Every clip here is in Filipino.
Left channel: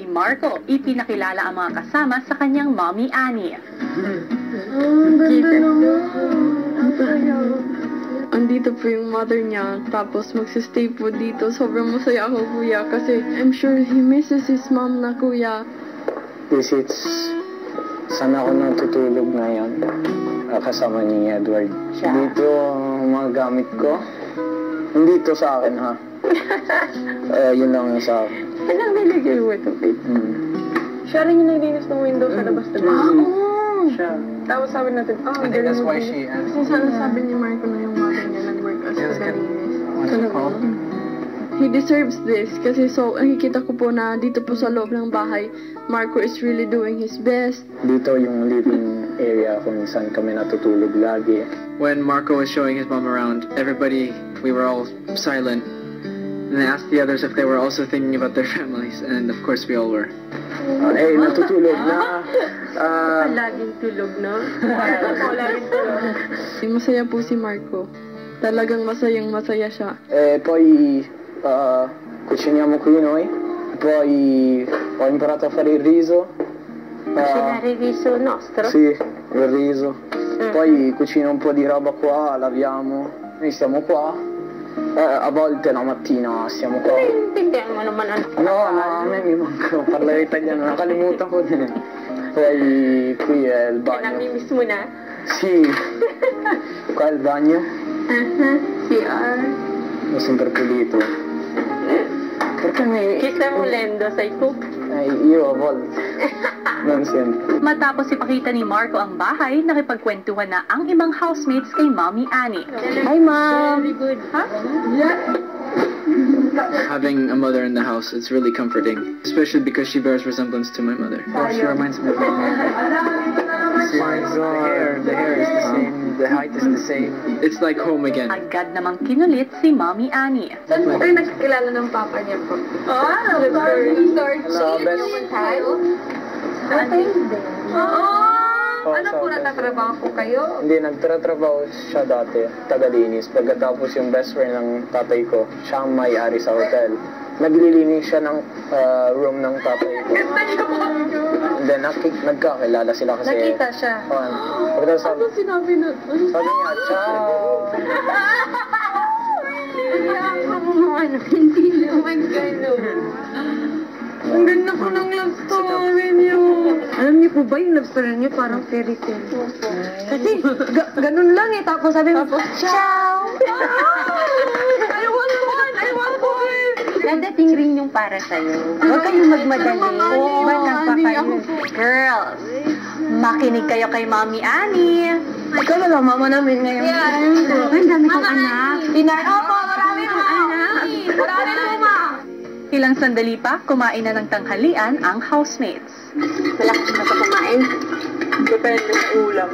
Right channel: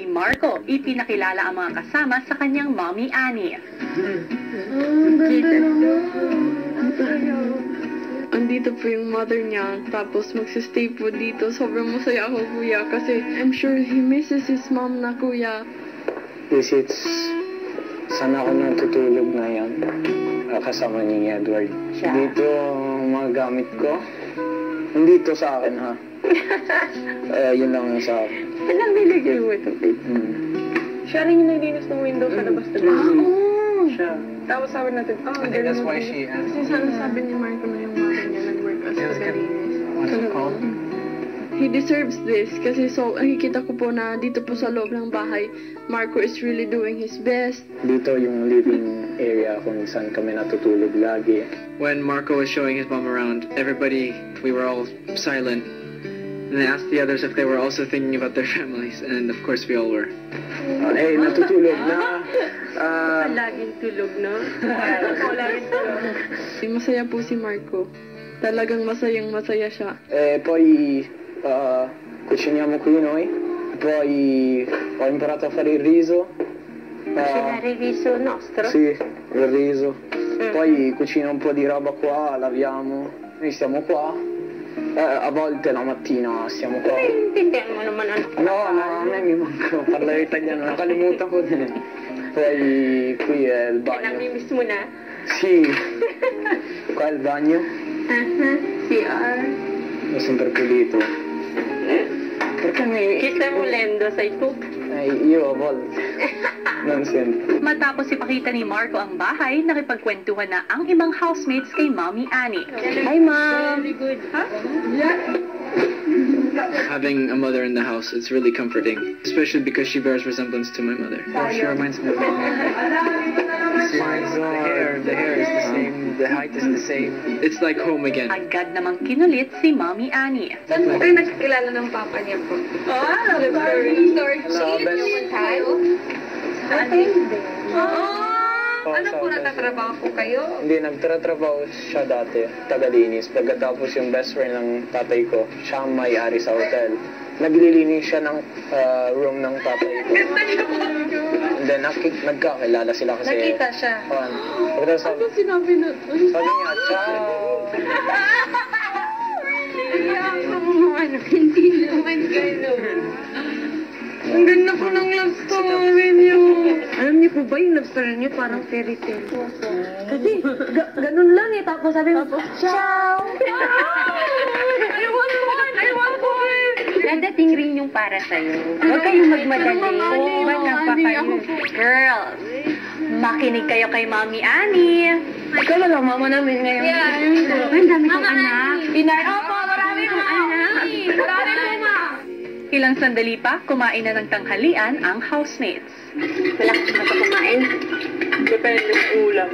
si Marco, ipinakilala ang mga kasama sa kanyang Mommy Annie. Andito po yung mother niya, tapos magsistay po dito. Sobrang masaya ako, kuya, kasi I'm sure he misses his mom na, kuya. Saan ako natutulog ngayon? Kasama ni Edward. Dito ang mga gamit ko. Hindi to sa akin, ha? Yun lang sa akin. Alam, nilagay mo ito, babe. Siya rin yung naglinis ng window sa labas, diba? Siya. Tapos sabi natin, I think that's why she asked. Kasi sana sabi ni Marco na yung mother niya nag-work as kalinis. Oh. He deserves this kasi nakikita ko po na dito po sa loob ng bahay, Marco is really doing his best. Dito yung living area kung saan kami natutulog lagi. When Marco was showing his mom around, we were all silent. And I asked the others if they were also thinking about their families, and of course we all were. Natutulog na. Laging tulog, no? Laging tulog. Masaya po si Marco. Talagang masaya siya. Poi cuciniamo qui noi, poi ho imparato a fare il riso. Cucinare il riso nostro? Sì, il riso. Poi cucino un po' di roba qua, laviamo. Noi stiamo qua. A volte la mattina siamo qua. Intindihan mo naman ano. No, a me mi manca parlare italiano, nakalimutan ko din. Poi qui è il bagno. Namimiss mo na? Sì, qua è il bagno. CR. Ho sempre pulito. Perché Kita mo lendo sa ipo? io a volte non sempre. Matapos ipakita ni Marco ang bahay, nakipagkwentuhan na ang ibang housemates kay Mommy Annie. Hi, Mom! Very good. Huh? Having a mother in the house, it's really comforting, especially because she bears resemblance to my mother. She reminds me of my the hair is the same, the height is the same. It's like home again. Agad namang kinulit si Mommy Annie. Saan po kayo nakikilala ng papa niya po? Sorry. Ano po natatrabaho po kayo? Hindi, nagtatrabaho siya dati, taga-linis. Pagkatapos yung best friend ng tatay ko, siya ang may-ari sa hotel. Naglilinis siya ng room ng tatay ko. And then, nagkakilala sila kasi... Nakita siya? Pagkatapos sabi, Sinabi na... sabi niya, ciao! Hindi naman gano'n. Ang ganda po ng love story niyo. Alam niyo po ba yung love story niyo parang fairy tale? Kasi ganun lang eh. Tapos sabi mo, ciao! I want one! Nadating rin yung para sa'yo. Huwag kayong magmadali. Bata pa kayo. Girls, makinig kayo kay Mommy Annie. Ikaw na lang, mama namin ngayon. Yeah. Ang dami kong anak. Marami po anak. Marami po, ma. Ilang sandali pa, kumain na ng tanghalian ang housemates. Malakas mo sa kumain. Depende sa ulam.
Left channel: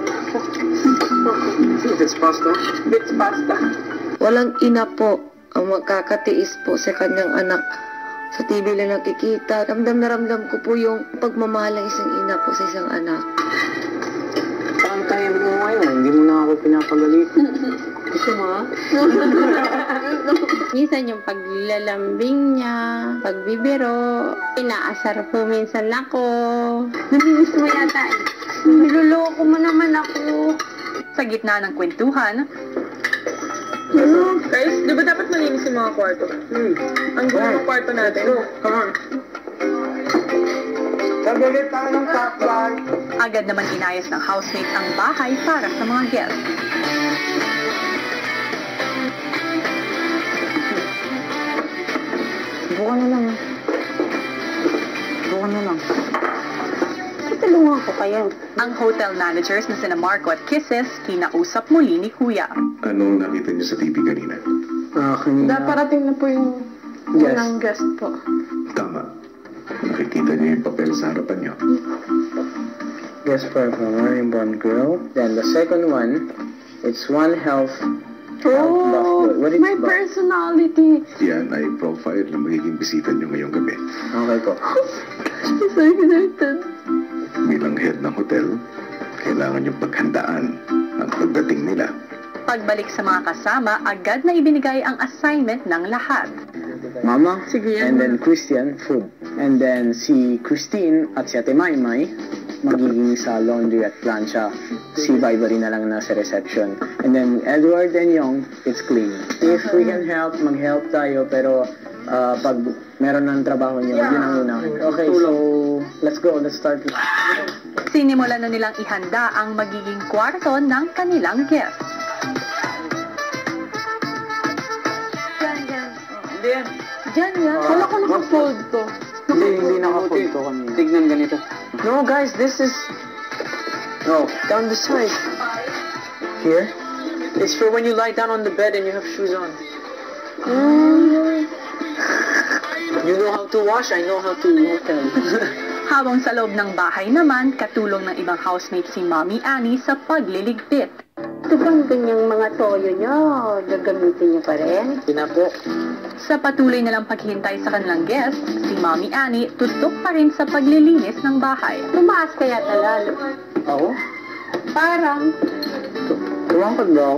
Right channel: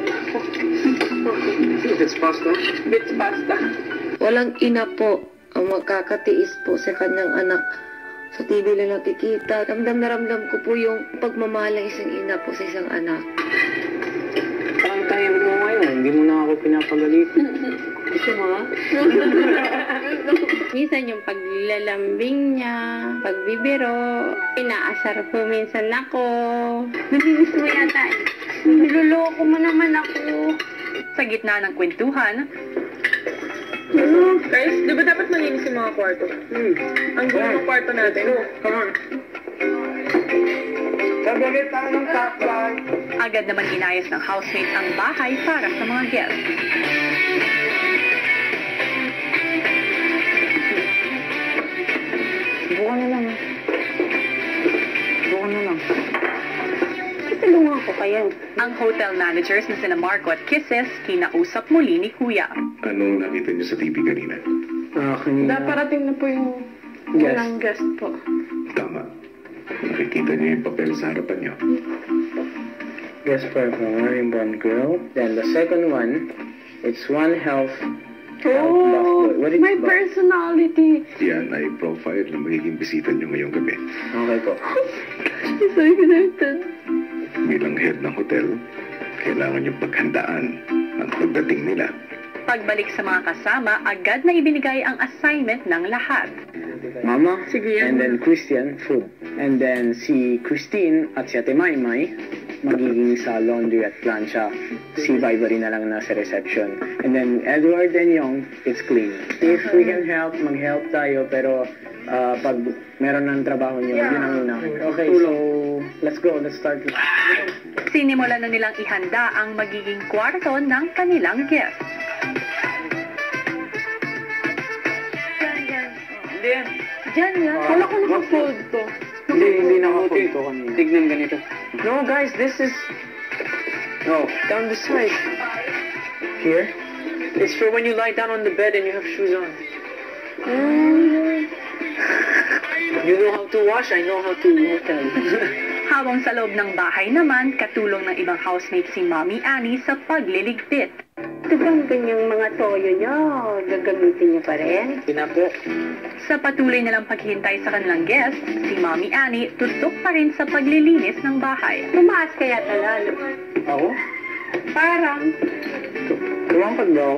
It's pasta. It's pasta. Walang ina po ang magkakatiis po sa kanyang anak. Sa TV lang nakikita. Ramdam na ramdam ko po yung pagmamahal ng isang ina po sa isang anak. Paantayin mo ngayon, hindi mo na ako pinapagalit. Gusto mo? Minsan yung paglalambing niya, pagbibiro, inaasar po minsan ako. Namimiss mo yata eh. Niloloko mo naman ako. Sa gitna ng kwentuhan, Guys, di ba dapat malinis yung mga kwarto? Ang gulo ng kwarto natin. Come on. Nagalit tayo ng kaplan. agad naman inayos ng housemate ang bahay para sa mga guests. Buwan na lang. Tulungan ko kayo. Ang hotel managers na sina Marco at Kisses, kinausap muli ni Kuya. Anong nakita niyo sa TV kanina? Kanina. Parating na po yung Guest. unang guest po. Tama. Nakikita niyo yung papel sa harapan niyo. Guest performer, yung one girl. Then the second one, it's one health. What is My it? personality. Yan ay profile na magiging bisita niyo ngayong gabi. Okay po. So excited. Bilang head ng hotel, kailangan niyo paghandaan ang pagdating nila. Pagbalik sa mga kasama, agad na ibinigay ang assignment ng lahat. Mama, Sige, and then Christian, food. And then si Christine at si Ate Maymay, magiging sa laundry at plancha. Si Vibery na lang nasa reception. And then Edward and Young, it's clean. If we can help, mag-help tayo, pero pag meron ng trabaho nyo, yun ang una. Okay, so let's go, let's start. Sinimulan na nilang ihanda ang magiging kwarto ng kanilang guests. Diyan yan. Wala ko naka-fold to. Hindi naka-fold ko kanina. Tignan ganito. No, guys, this is... No, down the side. Here? It's for when you lie down on the bed and you have shoes on. You know how to wash, I know how to hotel. Habang sa loob ng bahay naman, katulong ng ibang housemate si Mommy Annie sa pagliligpit. Ito bang ganyang mga toyo nyo? Gagamitin nyo pa rin? Hindi na po. Sa patuloy nilang paghihintay sa kanilang guests, si Mommy Annie tutok pa rin sa paglilinis ng bahay. Tumaas kaya talalo. Ako? Parang Tumangkad ba ako?